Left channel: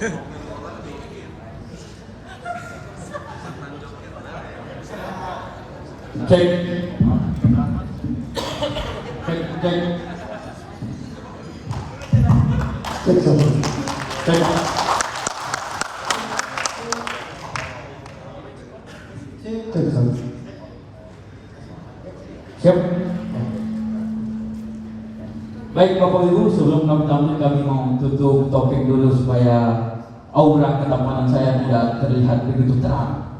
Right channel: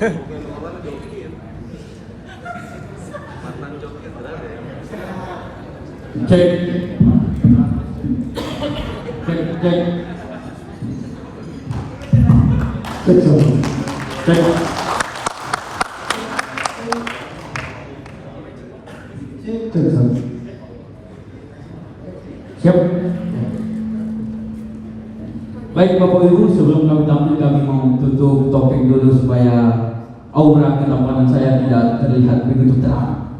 Bukan orang jokin. Mantan jokin berapa ya? Cek. Cek. Cek. Cek. Siap. Baik Bapak Ibu, sebelum kami mau tutup topik dulu supaya aura ketampanan saya tidak terlihat begitu terang.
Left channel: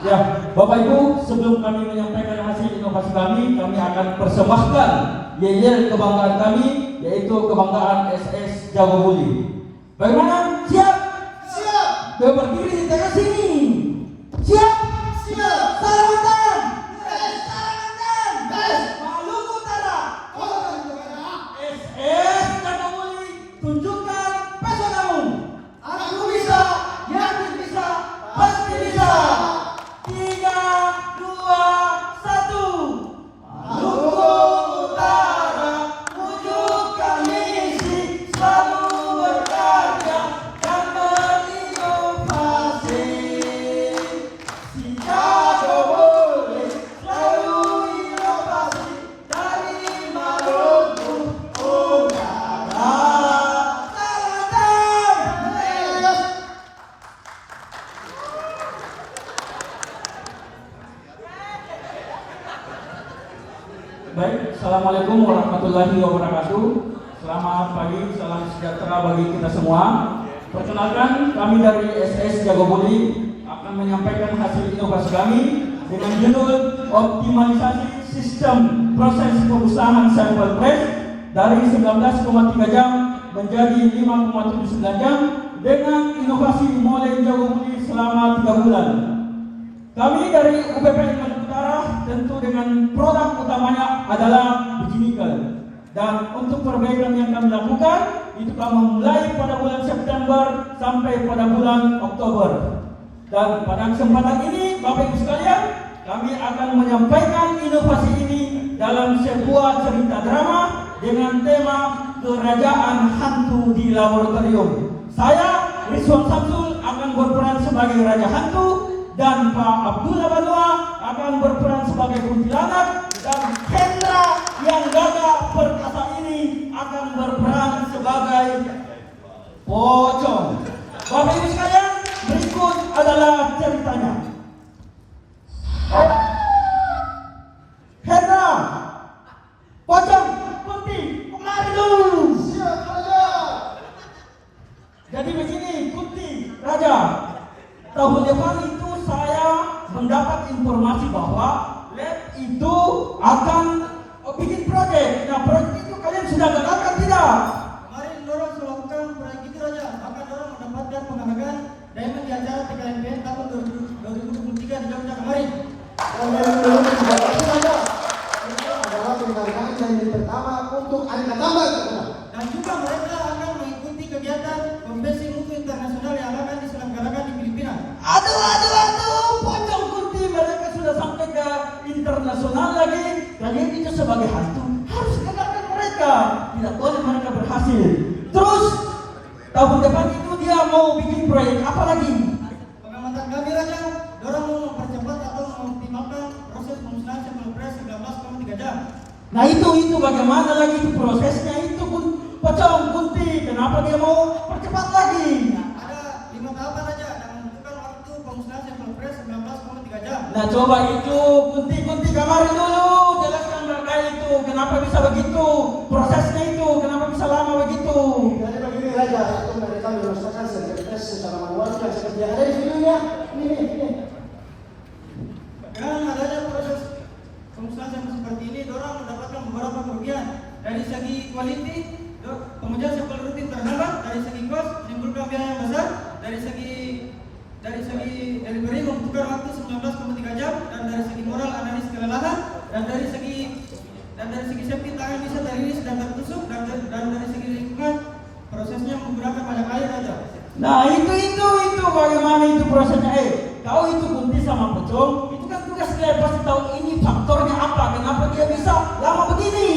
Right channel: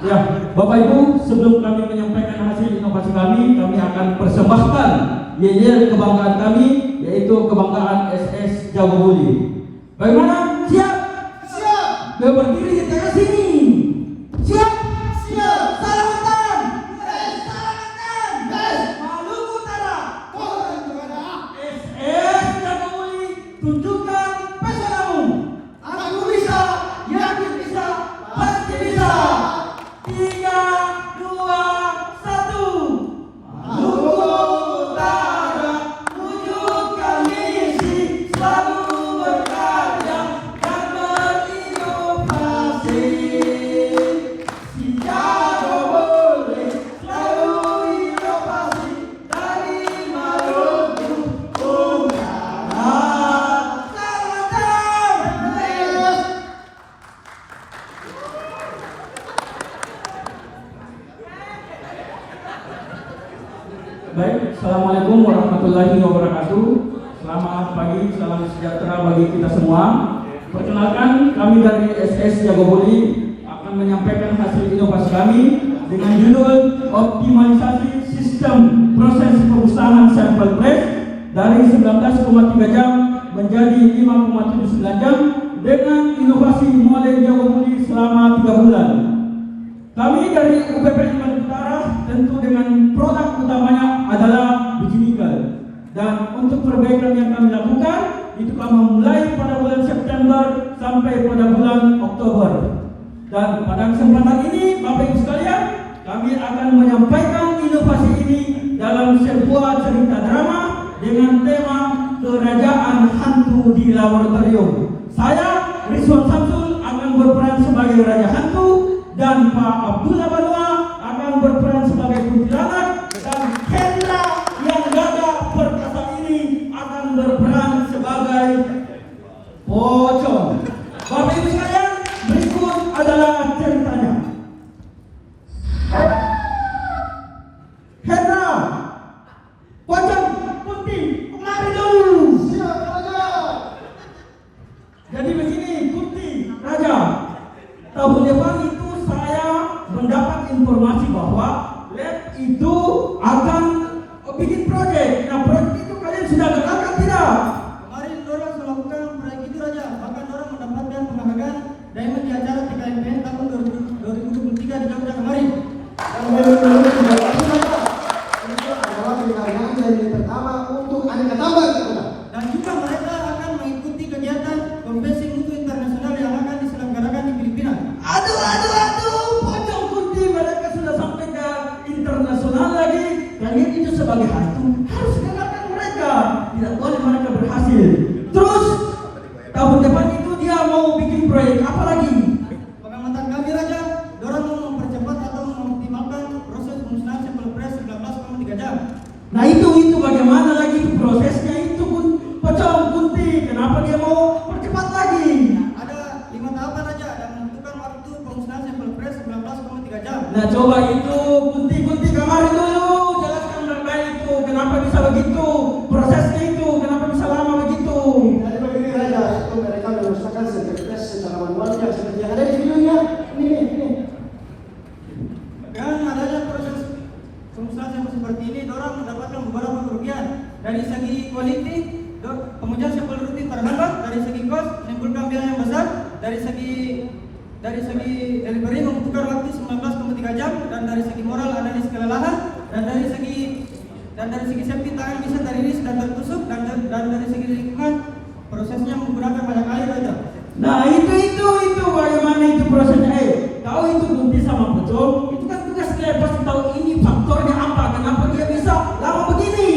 Ya, Bapak Ibu, sebelum kami menyampaikan hasil inovasi kami akan persembahkan yel kebanggaan kami, yaitu kebanggaan SS Jawa Buli. Bagaimana? Siap? Siap. Berdiri di tengah sini. Siap? Siap. Salamatan. Salamatan. Maluku Utara. SS Jawa Buli, tunjukkan pesonamu. Aku bisa, yakin bisa, pasti bisa. 3, 2, 1. Maluku Utara, wujudkan misi, selalu berkarya dan berinovasi. Si Jawa Buli selalu inovasi dari Maluku Utara. Baik, Assalamualaikum warahmatullahi wabarakatuh. Selamat pagi, salam sejahtera bagi kita semua. Perkenalkan, kami dari SS Jawa Buli akan menyampaikan hasil inovasi kami dengan judul optimalisasi sistem proses pengusahaan sampel press dari 19,3 jam menjadi 5,79 jam dengan inovasi model Jawa Buli selama 3 bulan. Kami dari UPPN Kalimantan Utara tentu dengan produk utamanya adalah biji nikel. Dan untuk perbaikan yang kami lakukan itu kami mulai pada bulan September sampai pada bulan Oktober. Dan pada kesempatan ini Bapak Ibu sekalian, kami akan menyampaikan inovasi ini dalam sebuah cerita drama dengan tema Kerajaan Hantu di Laboratorium. Saya Rizwan Samsul akan berperan sebagai Raja Hantu dan Pak Abdullah Balua akan berperan sebagai kuntilanak dan Hendra yang gagah perkasa ini akan berperan sebagai pocong. Bapak Ibu sekalian, berikut adalah ceritanya. Hendra, pocong, kunti, kemari dulu. Siap, Raja. Jadi begini, kunti, Raja. Tahun depan itu saya mendapat informasi bahwa lab itu akan bikin proyek. Nah, proyek itu kalian sudah gagalkan tidak? Kemarin dorang melakukan proyek itu Raja, bahkan dorang mendapatkan penghargaan Diamond di acara TKMPN tahun 2023 di Jogja kemarin. Dan juga mereka akan mengikuti kegiatan konvensi mutu internasional yang akan diselenggarakan di Filipina. Aduh, pocong kunti mereka sudah sampai ke internasional lagi. Kalian itu sebagai hantu harus kalahkan mereka. Tidak boleh mereka berhasil. Terus tahun depan itu dia mau bikin proyek apa lagi? Pengamatan kami Raja, dorang mau mempercepat atau mengoptimalkan proses pemusnahan sampel press 19,3 jam. Nah itu bagaimana lagi itu prosesnya itu pun pocong kunti. Kenapa dia mau percepat lagi? Ada 5 tahapan Raja dan menentukan waktu pemusnahan sampel press 19,3 jam. Nah coba itu kunti kamar dulu, jelaskan mereka itu kenapa bisa begitu, prosesnya itu kenapa bisa lama begitu. Jadi begini saja, itu mereka merusakan sekretas secara manualnya seperti yang ada di videonya. Ini. Dengan adanya proses pemusnahan sampel seperti ini, dorang mendapatkan beberapa kerugian. Dari segi quality, pengujian sampel rutin terhambat. Dari segi cost, menimbulkan biaya yang besar. Dari segi delivery membutuhkan waktu 19,3 jam. Dan dari segi moral analis kelelahan. Dan dari segi safety tangan bisa teriris dan tertusuk. Dan dari segi lingkungan prosesnya menggunakan banyak air Raja. Nah itu bagaimana itu prosesnya? Tahu itu kunti sama pocong, itu kan tugas saya pasti tahu ini faktornya apa, kenapa dia bisa lama begini.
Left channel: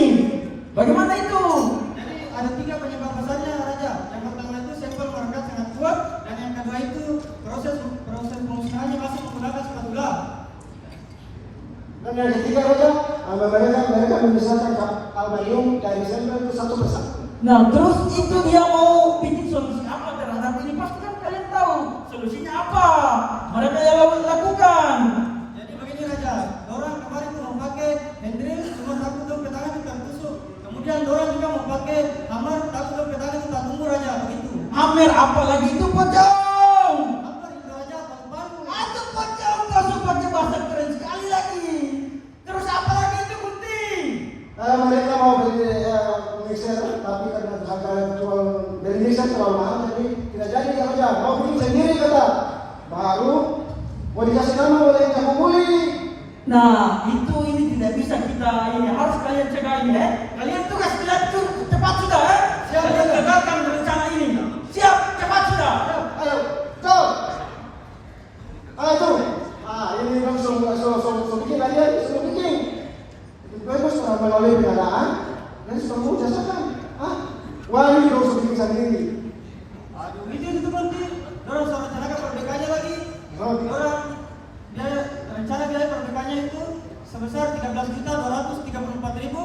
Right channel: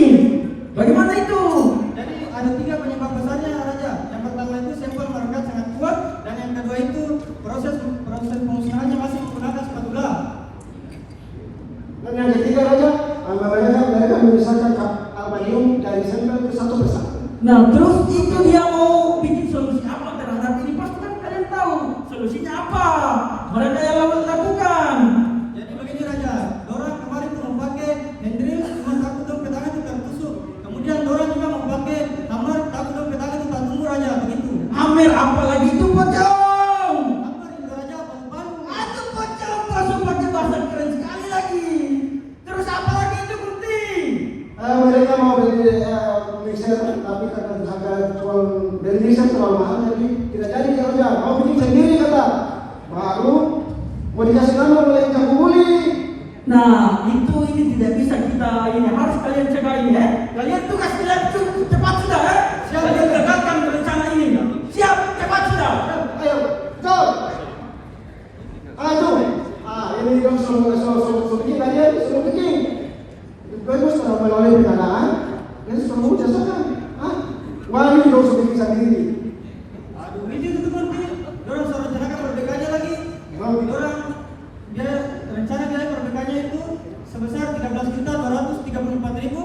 Bagaimana itu? Jadi ada 3 penyebab besarnya Raja. Yang pertama mereka menyelesaikan aluminium dari sampel itu satu persatu. Nah, terus itu dia mau bikin solusi apa terhadap ini? Pasti kan kalian tahu solusinya apa. Mereka yang lakukan. Jadi begini Raja, orang kemarin tuh mau pakai Hendrix, cuma takut dong ke tangan itu tertusuk. Kemudian orang juga mau pakai hammer, takut dong ke tangan itu tak tunggu Raja, begitu. Amir apalagi itu pocong. Hammer itu Raja baru. Aduh pocong, masuk pocong bahasa keren sekali lagi. Terus apa lagi itu Kunti? Mereka mau beli mixer, tapi karena harga jual dari mixer terlalu mahal, jadi tidak jadi kerja. Mau bikin sendiri kata. Baru mau dikasih nama oleh Jago Buli. Nah, ini tidak bisa kita ini harus kalian cegah ini ya. Kalian tugas kalian cepat sudah ya. Kalian gagalkan rencana ini. Siap, cepat sudah. Ayo, go. Ayo. Ini kan sudah bikin aja, sudah bikin. Bagus kalau melalui pengadaan dan sudah mau jasakan. Wali dong sudah bikin sendiri. Aduh, itu Kunti. Orang suruh rencanakan perbaikannya lagi. Orang dia rencana dia perbaikannya itu sebesar 13.234.000.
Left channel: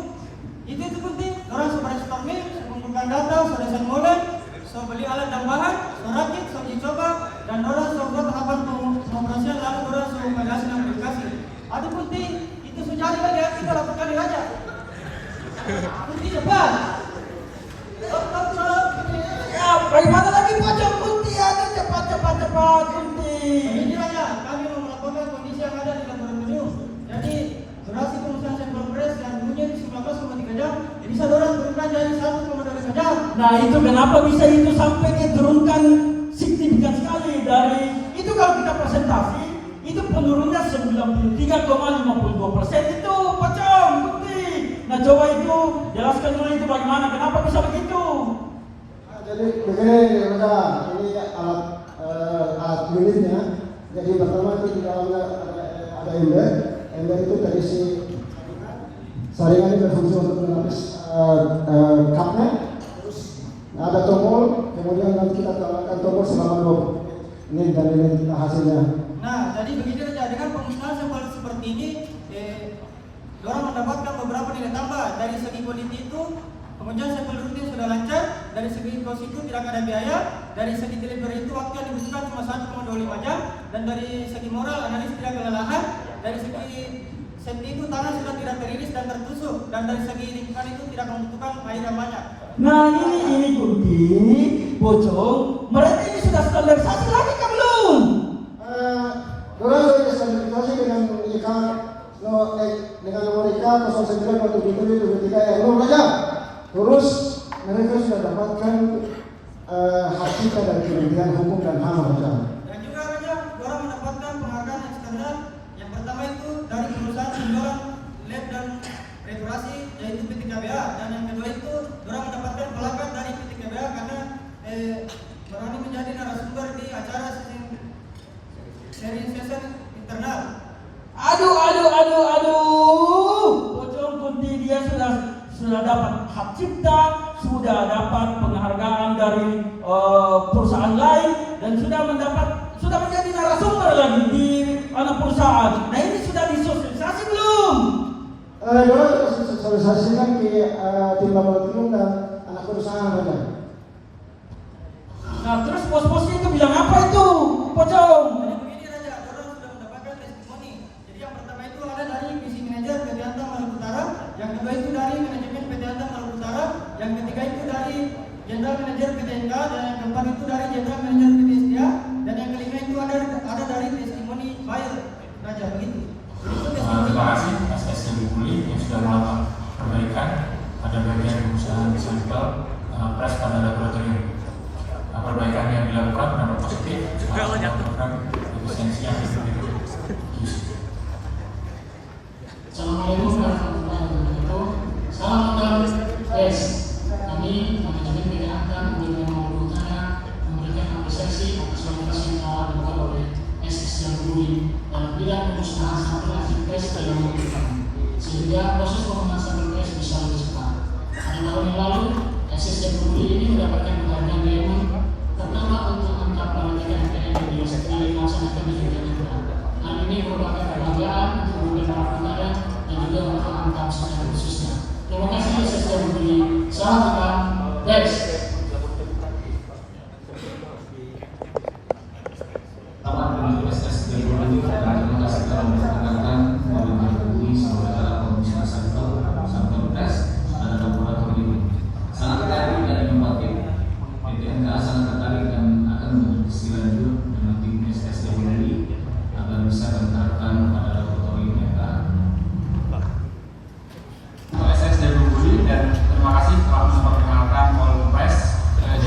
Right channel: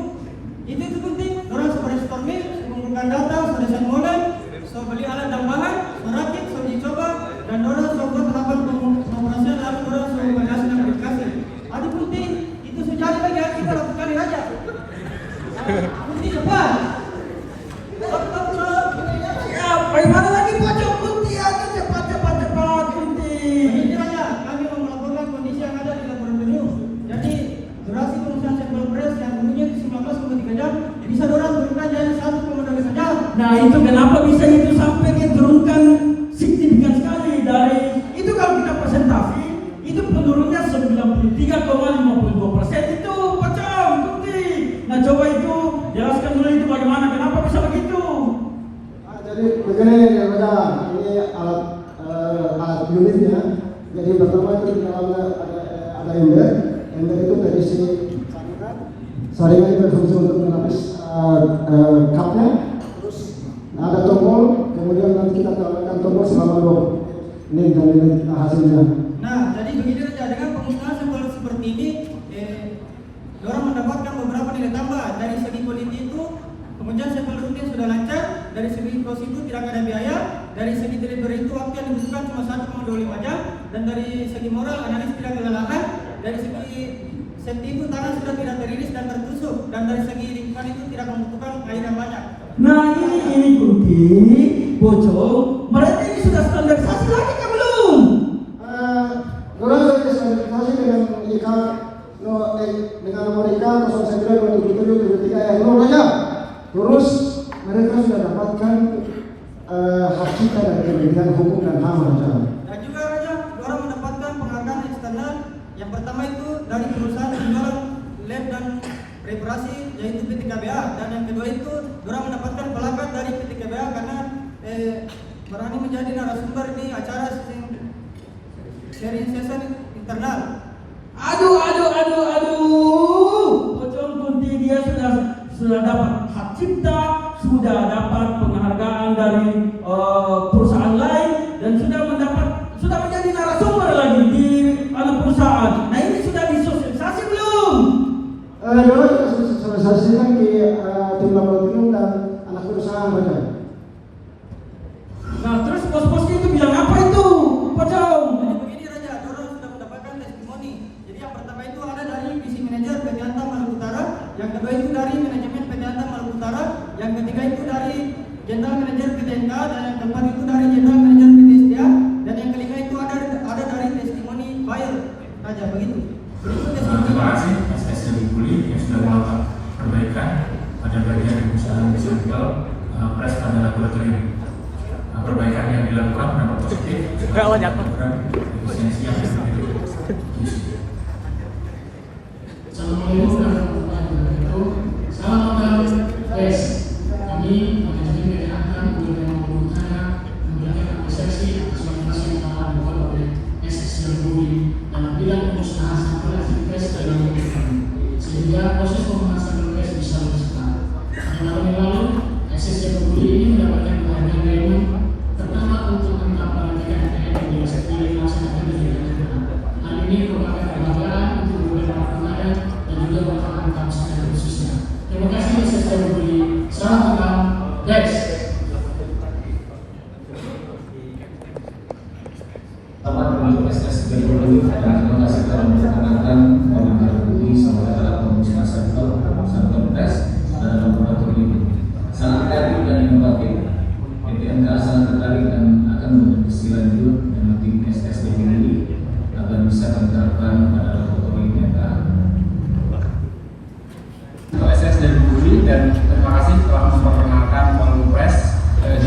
Itu Kunti. Orang sudah stormir, mengumpulkan data, sudah saya mulai, sudah beli alat dan bahan, sudah rakit, sudah dicoba, dan orang sudah buat tahapan pengoperasian lalu orang sudah validasi dan verifikasi. Aduh Kunti, itu sejari lagi harus kita lakukan di Raja. Kunti cepat. Ya, bagaimana lagi pocong Kunti? Ayo cepat Kunti. Ini Raja, kami mau melakukan kondisi yang ada di laboratorium. Jadi durasi pengusian sampel beras yang dulunya 19,3 jam bisa dorang turunkan jadi 1,2 jam. Nah, itu kenapa bisa itu sampai dia turunkan signifikan sekali dari itu kalau kita presentasi itu penurunnya 93,52% itu pocong Kunti. Nah, coba itu jelaskan dulu itu bagaimana kenapa bisa begitu? Jadi begini yang ini alat unitnya. Jadi pertama itu di dalam ada ember itu dari si saringan berfungsi untuk menghapus kapnya. Terus ada tombol, kemudian nanti kita tambahkan tombol selama 2 menit dan ini hasilnya. Nah, jadi begitu saja dengan pengusahaan sampel seperti ini, orang mendapatkan beberapa nilai tambah dari segi kondisi itu. Pengujian sampel rutin sudah lancar, dari segi kos itu tidak ada biaya, dari segi delivery itu waktu yang dibutuhkan cuma 1,25 jam, dan dari segi moral analis tidak kelelahan, dari segi safety itu tangan sudah tidak teriris dan tertusuk, dan dari segi lingkungan itu tidak membutuhkan air yang banyak. Nah, ini Kunti, pocong, mereka ini sudah standarisasi lagi kan belum? Kurang dari standarisasi dengan mereka 09 yang aja. Terus mereka sudah dapatkan hak cipta dari Kementerian Hukum dan HAM. Dan juga Raja, orang mendapatkan penghargaan yang standar. Yang pertama itu dari perusahaan penjualan lab dan reparasi yaitu PT KBA, dan yang kedua itu orang mendapatkan pelakat dari PT KBA karena berani menjadi narasumber di acara sharing session internal. Aduh, pocong Kunti dia sudah dapat hak cipta, sudah dapat penghargaan dari perusahaan lain, dan sudah menjadi narasumber lagi di anak perusahaan. Nah, ini sudah disosialisasi belum? Sosialisasikan di tim laboratorium dan anak perusahaan saja. Nah, terus bos-bos itu bilang apa itu, pocong? Jadi begini Raja, orang sudah mendapatkan testimoni. Jadi yang pertama itu ada dari visi manajer PT Antam Maluku Utara, yang kedua itu dari manajemen PT Antam Maluku Utara, yang ketiga itu dari Jenderal Manajer PT NK, dan yang keempat itu dari Jenderal Manajer PT SDA, dan yang kelima itu ada dari testimoni buyer Raja, begitu. Terima kasih SS Jago Buli yang sudah melakukan perbaikan pada bagian pengusahaan sampel pres pada laboratorium. Perbaikan yang dilakukan dapat positif melakukan efisiensi yang lebih Assalamualaikum warahmatullahi wabarakatuh. Salam kenal guys. Kami manajemen PT Antam Maluku Utara memberikan apresiasi atas inovasi yang telah dilakukan oleh SS Jago Buli dalam bidang pengusahaan sampel tes dalam waktu kami, sehingga proses pembahasan tes bisa lebih cepat. Pada tahun yang lalu, SS Jago Buli ini mendapatkan penghargaan Diamond pertama untuk angka pelantikan PN yang dilaksanakan di Jakarta. Hal ini merupakan kebanggaan untuk beberapa pengadaan dan juga untuk angka secara khusus.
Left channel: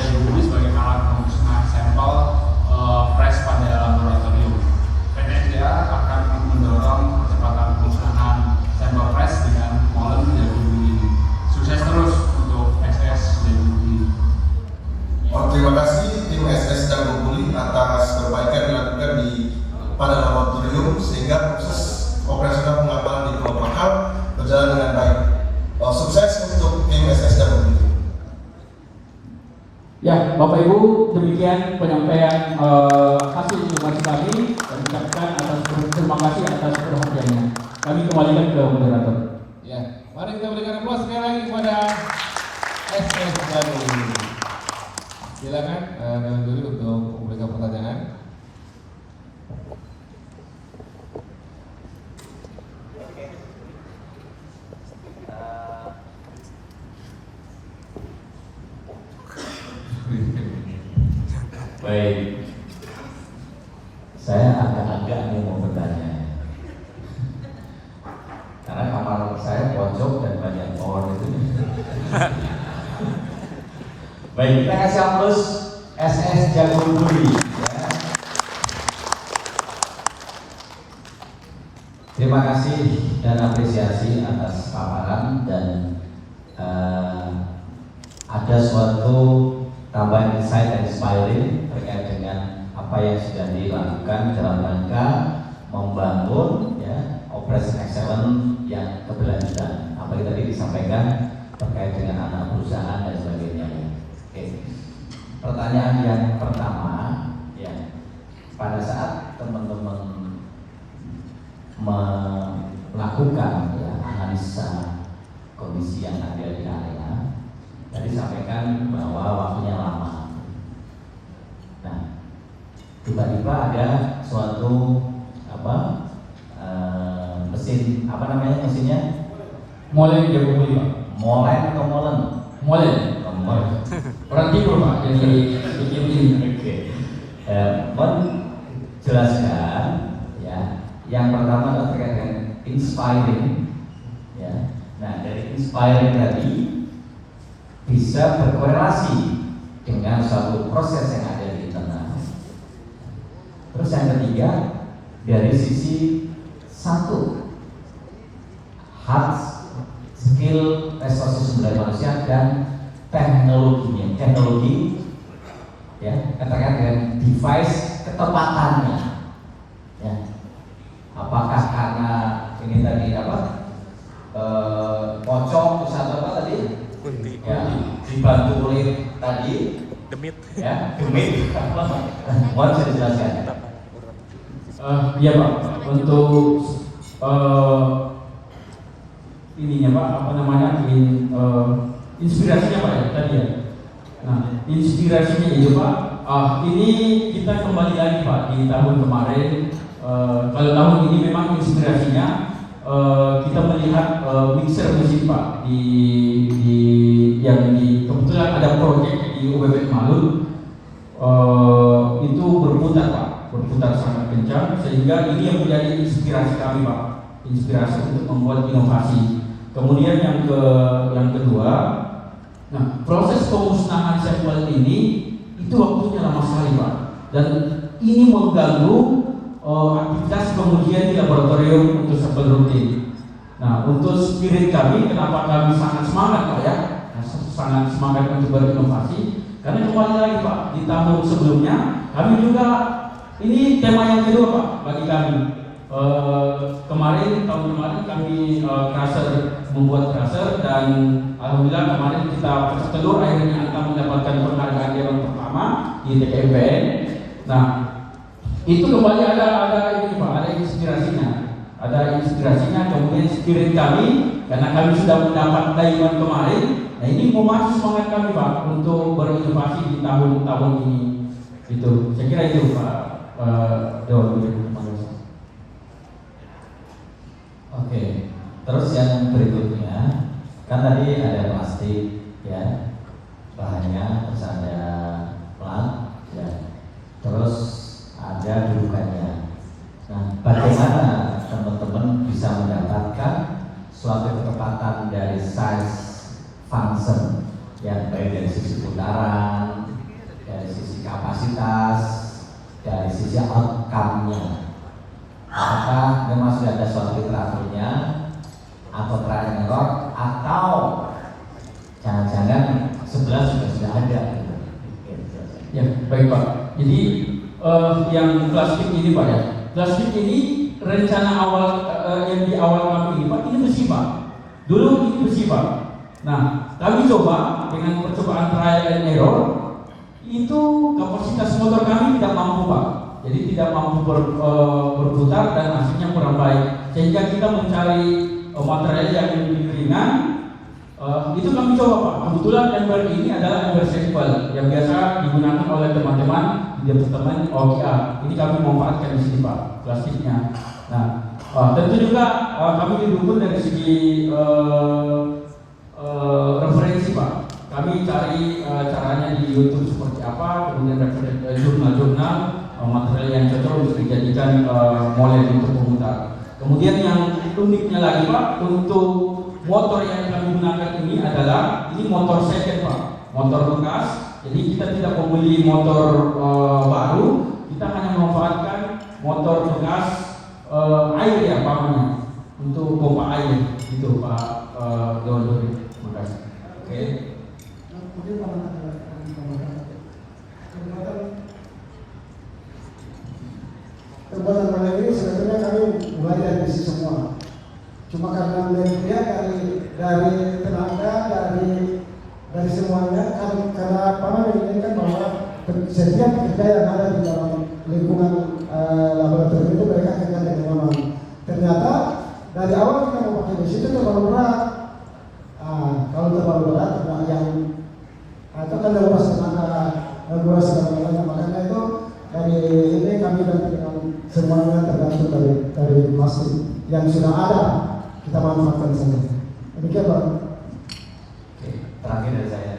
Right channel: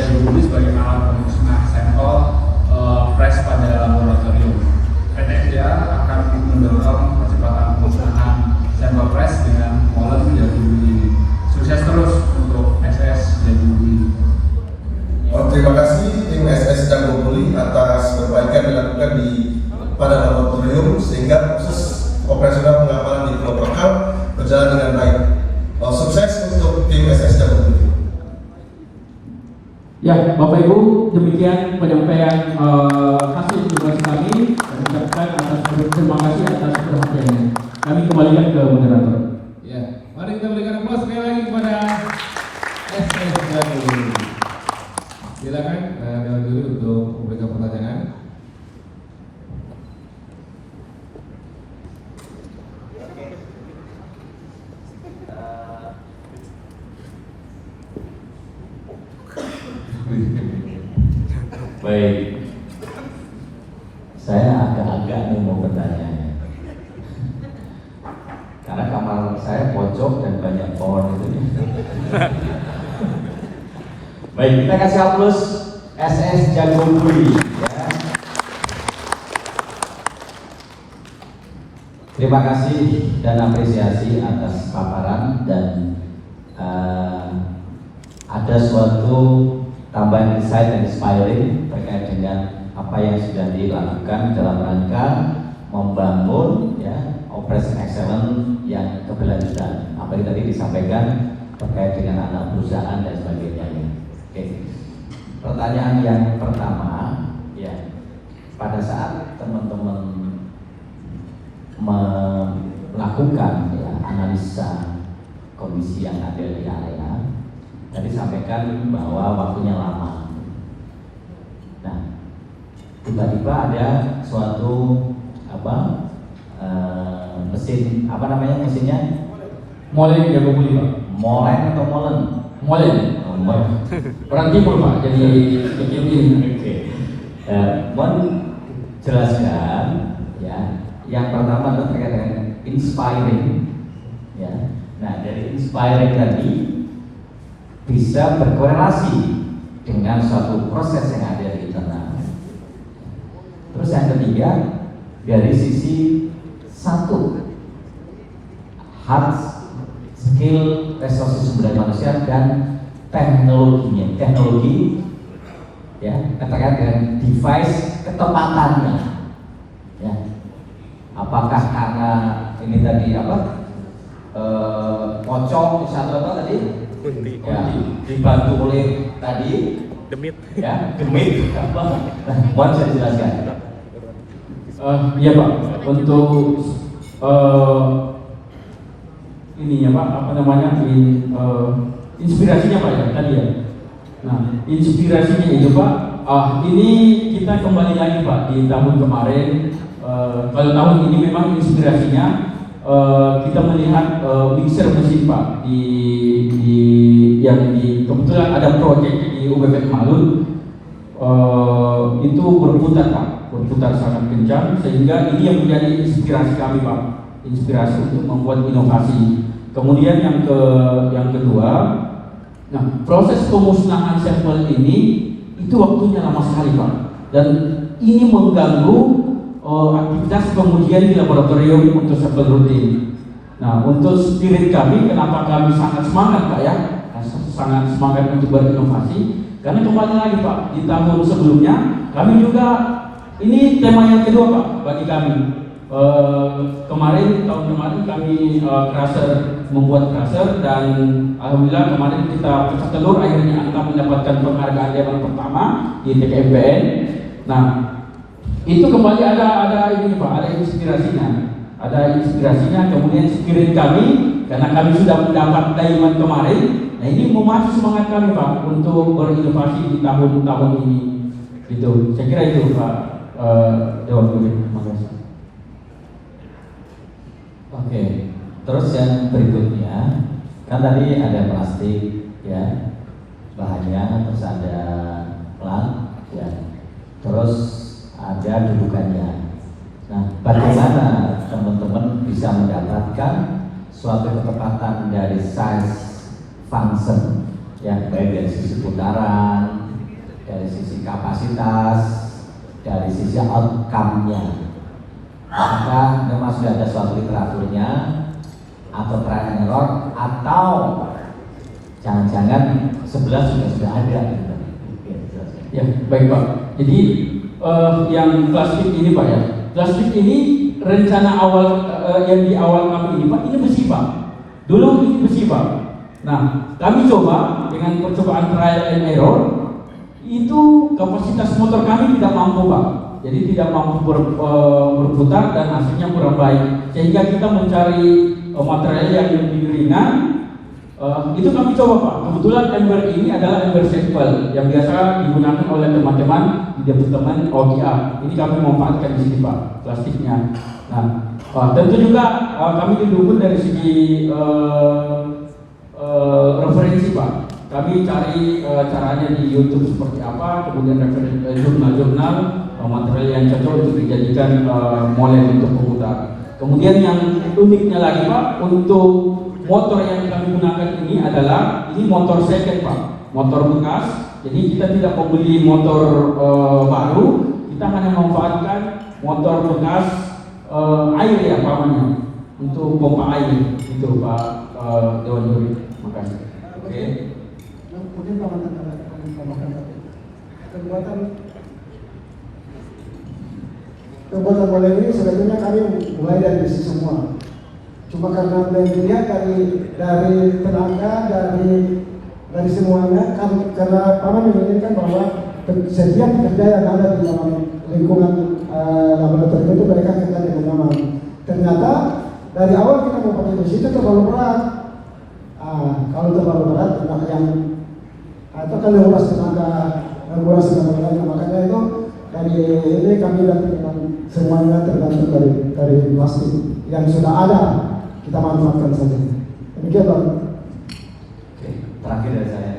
Jagobuli sebagai alat pemusnahan sampel press pada laboratorium. PTSDA akan mendorong percepatan pemusnahan sampel press dengan Molen Jagobuli. Sukses terus untuk SS Jagobuli. Terima kasih tim SS Jagobuli atas perbaikan dilakukan pada laboratorium sehingga proses operasional pengapalan di Pulau Prakal berjalan dengan baik. Sukses untuk tim SS Jagobuli. Ya, Bapak Ibu, demikian penyampaian hasil tugas kami. Kami ucapkan terima kasih atas perhatiannya. Kami kembalikan ke moderator. Ya, mari kita berikan aplaus sekali lagi kepada SS Jagobuli. Silakan dulu untuk memberikan pertanyaan. Baik, saya agak-agak nih mau bertanya, karena kamar saya pojok dan banyak pohon itu. Baik, kita kasih aplaus SS Jagobuli. Ya. Terima kasih dan apresiasi atas paparan dan ada suatu tambahan insight dan inspiring terkait dengan apa yang sudah dilakukan dalam rangka membangun ya operation excellence yang keberlanjutan. Apa yang tadi disampaikan terkait dengan anak perusahaan dan sebagainya. Oke. Pertanyaan yang pertama, ya, pada saat teman-teman melakukan ya analisa kondisi yang ada di arena, tadi sampaikan bahwa waktunya lama. Nah, tiba-tiba ada suatu mesin, apa namanya mesinnya? Molen Jagobuli, Pak. Molen atau molen? Molen. Orang timur, Pak. Jadi bikin tim. Oke. Mohon jelaskan ya. Yang pertama terkait dengan inspiring, ya. Nah, dari inspiring tadi bisa berkorelasi dengan suatu proses yang ada di internal. Terus yang ketiga, dari sisi satu hard skill resources sumber daya manusia dan teknologinya, teknologi ya terkait dengan device ketepatannya, ya. Apakah karena ini tadi pocong satu apa tadi? Kunti. Ya, dibantu oleh tadi Demit. ya, demit. Mohon bisa dijelaskan. Iya, Pak. Untuk ininya, Pak, apa namanya? Inspirasinya, Pak, ya tadi ya. Nah, inspirasinya itu, Pak. Ini kita kembali lagi, Pak, di tahun kemarin. Kalau tahun ini memang inspirasinya kita melihat mixer mesin, Pak, yang kebetulan ada proyek di UBP Malun itu berputar, Pak, berputar sangat kencang sehingga ini yang menjadi inspirasi kami, Pak, inspirasi untuk membuat inovasi. Kemudian yang kedua, nah proses pemusnahan sampel ini itu waktunya lama sekali, Pak, dan ini mengganggu aktivitas pengujian di laboratorium untuk sampel rutin. Nah, untuk spirit kami, kenapa kami sangat semangat, Pak, ya, sangat semangat untuk berinovasi, karena kembali lagi, Pak, di tahun sebelumnya kami juga ini tema yang kedua, Pak, bagi kami. Tahun kemarin kami membuat crusher dan alhamdulillah kemarin kita pecah telur, akhirnya kita mendapatkan penghargaan yang pertama di TKMPN. Nah, itu kembali ada ini, Pak, ada inspirasinya, kemudian spirit kami karena kami sudah mendapat diamond kemarin. Nah, ini memacu semangat kami, Pak, untuk berinovasi di tahun-tahun ini. Gitu, saya kira itu, Pak Dewan. Terima kasih. Oke, terus yang berikutnya kan tadi ada plastik ya bahannya, terus ada pelang ya, terus ada dudukannya. Nah, bagaimana teman-teman bisa mendapatkan suatu ketepatan dari size function ya, baik dari sisi putaran dari sisi kapasitas, dari sisi outcome-nya. Apakah memang sudah ada suatu literaturnya atau trial and error, atau jangan-jangan 11 sudah ada? Ya, baik Pak. Jadi yang plastik ini Pak ya, plastik ini rencana awal yang di awal kami ini Pak, ini besi Pak. Dulu ini besi Pak. Nah, kami coba dengan percobaan trial and error, itu kapasitas motor kami tidak mampu Pak. Jadi tidak mampu berputar dan hasilnya kurang baik. Sehingga kita mencari material yang lebih ringan. Itu kami coba Pak. Kebetulan ember ini adalah ember sampel yang biasa digunakan oleh teman-teman di departemen OGA. Ini kami manfaatkan di sini Pak, plastiknya. Nah, tentu juga kami didukung dari segi referensi Pak. Kami cari caranya di YouTube seperti apa, kemudian jurnal-jurnal material yang cocok untuk dijadikan model untuk pemutar. Kemudian yang uniknya lagi Pak, untuk motor yang kami gunakan ini adalah motor second Pak, motor bekas. Jadi kita tidak membeli motor baru, kita hanya memanfaatkan motor bekas air ya pamannya untuk pompa air itu Pak Dewan Juri. Terima kasih. Oke. Mungkin pembuatan model ini sebetulnya kami mulai dari besi semua. Cuma karena mulai dilihat dari tenaga, dari semuanya, karena Paman menginginkan bahwa setiap kerja yang ada di dalam lingkungan laboratorium itu mereka kerja dengan nyaman. Ternyata dari awal kita mau pakai besi itu terlalu berat. Kalau terlalu berat, yang itu kan regulasi tenaga, makanya itu dari ini kami ganti dengan semuanya tergantung dari plastik yang sudah ada, kita manfaatkan saja. Demikian Pak. Oke, terakhir dari saya,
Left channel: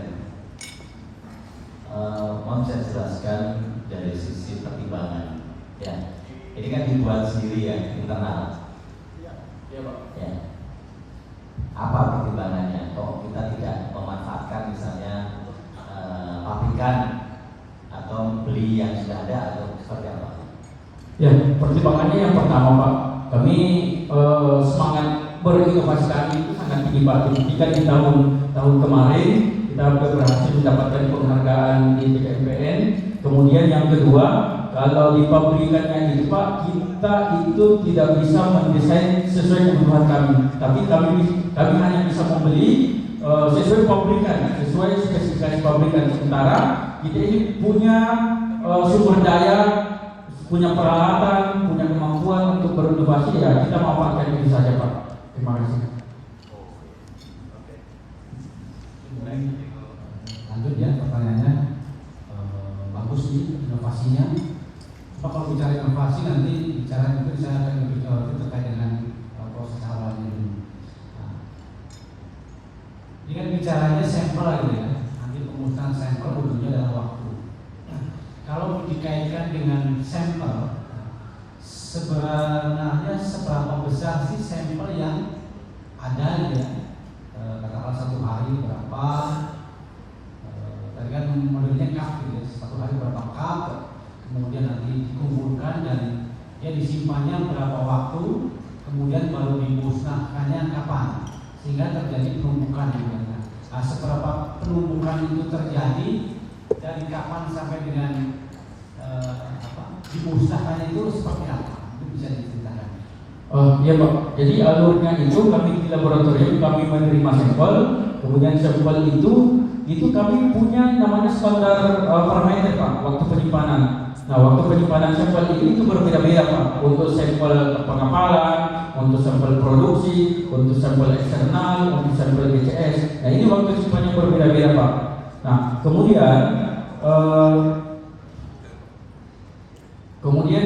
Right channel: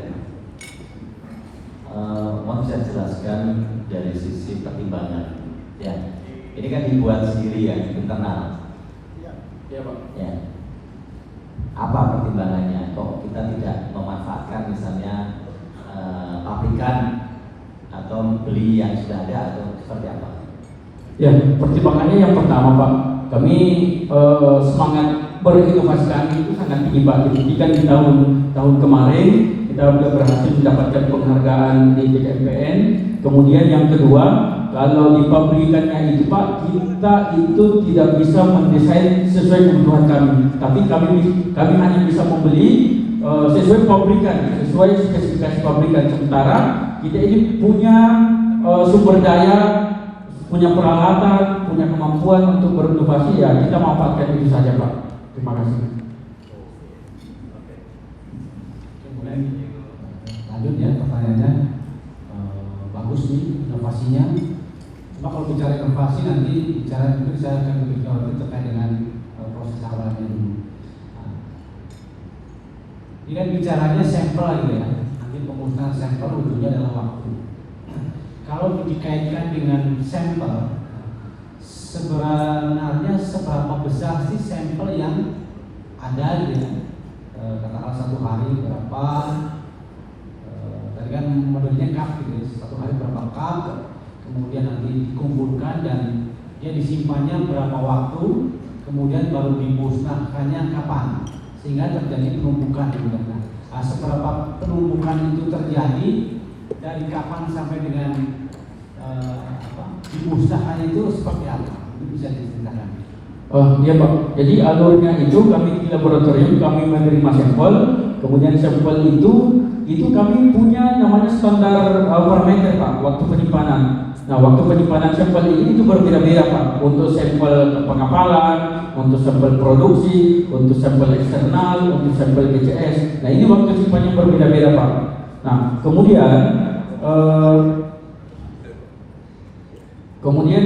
mohon saya jelaskan dari sisi pertimbangan. Ya, ini kan dibuat sendiri ya, internal. Ya Pak. Ya. Apa pertimbangannya? Kok kita tidak memanfaatkan misalnya pabrikan atau beli yang sudah ada atau seperti apa? Ya, pertimbangannya yang pertama Pak, kami semangat berinovasi kami itu sangat tinggi Pak. Dibuktikan di tahun kemarin kita sudah berhasil mendapatkan penghargaan di TKPN. Kemudian yang kedua, kalau di pabrikannya itu Pak, kita itu tidak bisa mendesain sesuai kebutuhan kami, tapi kami hanya bisa membeli sesuai pabrikan, sesuai spesifikasi pabrikan. Sementara kita ini punya sumber daya, punya peralatan, punya kemampuan untuk berinovasi, ya kita manfaatkan itu saja Pak. Terima kasih. Lanjut ya pertanyaannya. Bagus nih inovasinya. Cuma kalau bicara inovasi nanti bicara mungkin saya akan berbicara terkait dengan proses awalnya dulu. Ini kan bicaranya sampel lagi ya. Nanti pemusnahan sampel ujungnya adalah waktu. Kalau dikaitkan dengan sampel, sebenarnya seberapa besar sih sampel yang ada gitu ya? Katakanlah 1 hari berapa? Tadi kan modelnya cup gitu ya, 1 hari berapa cup? Kemudian nanti dikumpulkan dan dia disimpannya berapa waktu? Kemudian baru dimusnahkannya kapan? Sehingga terjadi penumpukan gitu. Nah, seberapa penumpukan itu terjadi? Dari kapan sampai dengan dimusnahkannya itu seperti apa? Itu bisa diceritakan. Ya Pak, jadi alurnya itu kami di laboratorium kami menerima sampel, kemudian sampel itu kami punya namanya standar parameter Pak, waktu penyimpanan. Nah, waktu penyimpanan sampel ini itu berbeda-beda Pak, untuk sampel pengapalan, untuk sampel produksi, untuk sampel eksternal, untuk sampel BCS. Nah, ini waktu simpannya berbeda-beda Pak. Nah, kemudian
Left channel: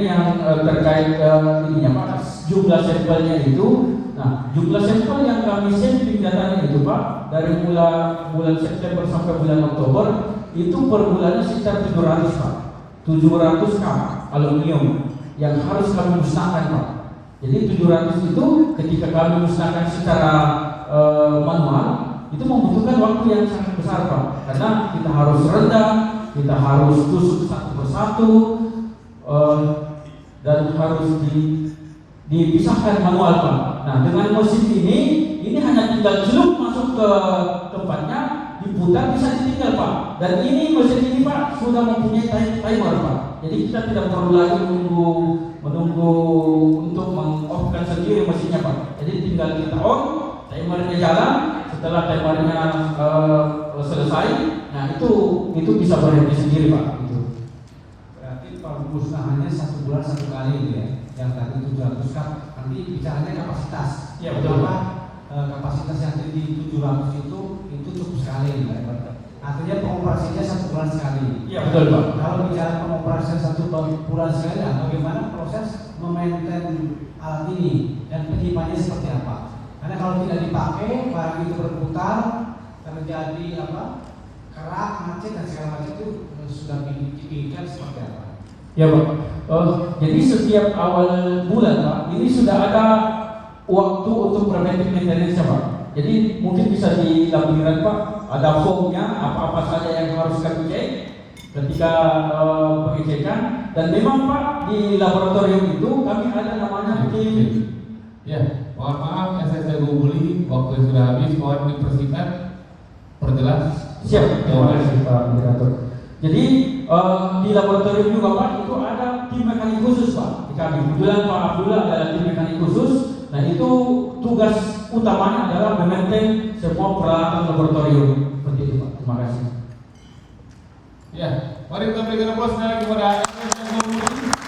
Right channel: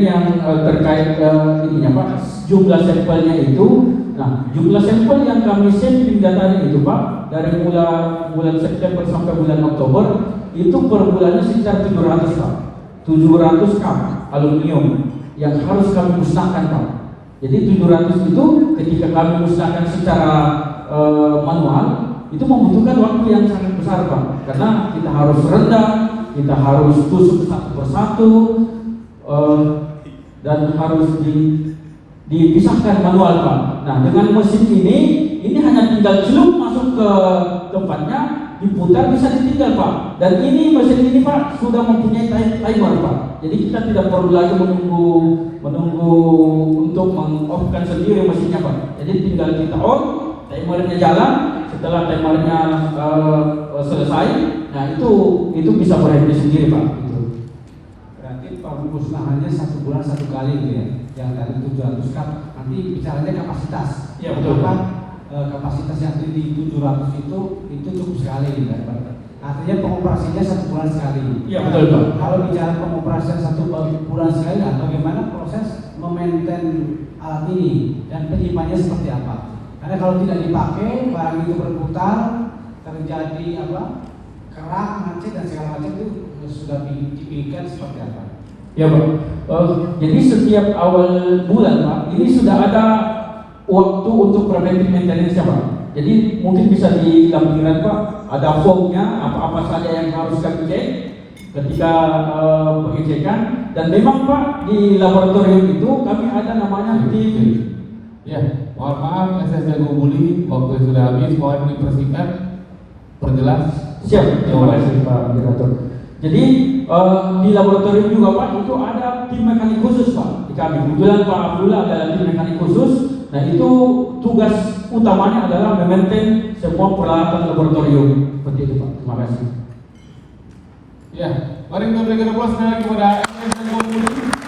yang terkait ininya Pak, jumlah sampelnya itu. Nah, jumlah sampel yang kami sampling datanya itu Pak, dari bulan September sampai bulan Oktober itu per bulannya sekitar 700 Pak. 700 cup aluminium yang harus kami musnahkan Pak. Jadi 700 itu ketika kami musnahkan secara manual itu membutuhkan waktu yang sangat besar Pak, karena kita harus rendam, kita harus tusuk satu persatu, dan harus dipisahkan manual Pak. Nah dengan mesin ini hanya tinggal celup masuk ke tempatnya, diputar bisa ditinggal Pak. Dan ini mesin ini Pak sudah mempunyai timer Pak. Jadi kita tidak perlu lagi menunggu untuk meng-off-kan sendiri mesinnya Pak. Jadi tinggal kita on, timernya jalan. Setelah timernya selesai, nah itu bisa berhenti sendiri Pak. Berarti pemusnahannya 1 bulan 1 kali gitu ya, yang tadi 700 cup. Nanti bicaranya kapasitas. Iya betul Pak. Kapasitas yang tadi 700 itu cukup sekali gitu kan. Artinya pengoperasiannya 1 bulan sekali. Iya betul Pak. Kalau bicara pengoperasian 1 bulan sekali, nah bagaimana proses memaintain alat ini dan penyimpanannya seperti apa? Karena kalau tidak dipakai, barang itu berputar, terjadi kerak, macet dan segala macam itu sudah dipikirkan seperti apa? Ya Pak. Jadi setiap awal bulan Pak, ini sudah ada waktu untuk preventive maintenance Pak. Jadi mungkin bisa di lampiran Pak, ada formnya apa-apa saja yang harus kami cek ketika pengecekan. Dan memang Pak di laboratorium itu kami ada namanya tim. Ya, mohon maaf SS Jago Buli, waktu sudah habis, mohon dipersingkat, perjelas. Siap, terima kasih Pak Indikator. Jadi di laboratorium juga Pak itu ada tim mekanik khusus Pak di kami. Kebetulan Pak Abdullah adalah tim mekanik khusus. Nah itu tugas utamanya adalah memaintain semua peralatan laboratorium. Seperti itu Pak. Terima kasih. Ya, mari kita berikan aplaus kepada SS Jago Buli.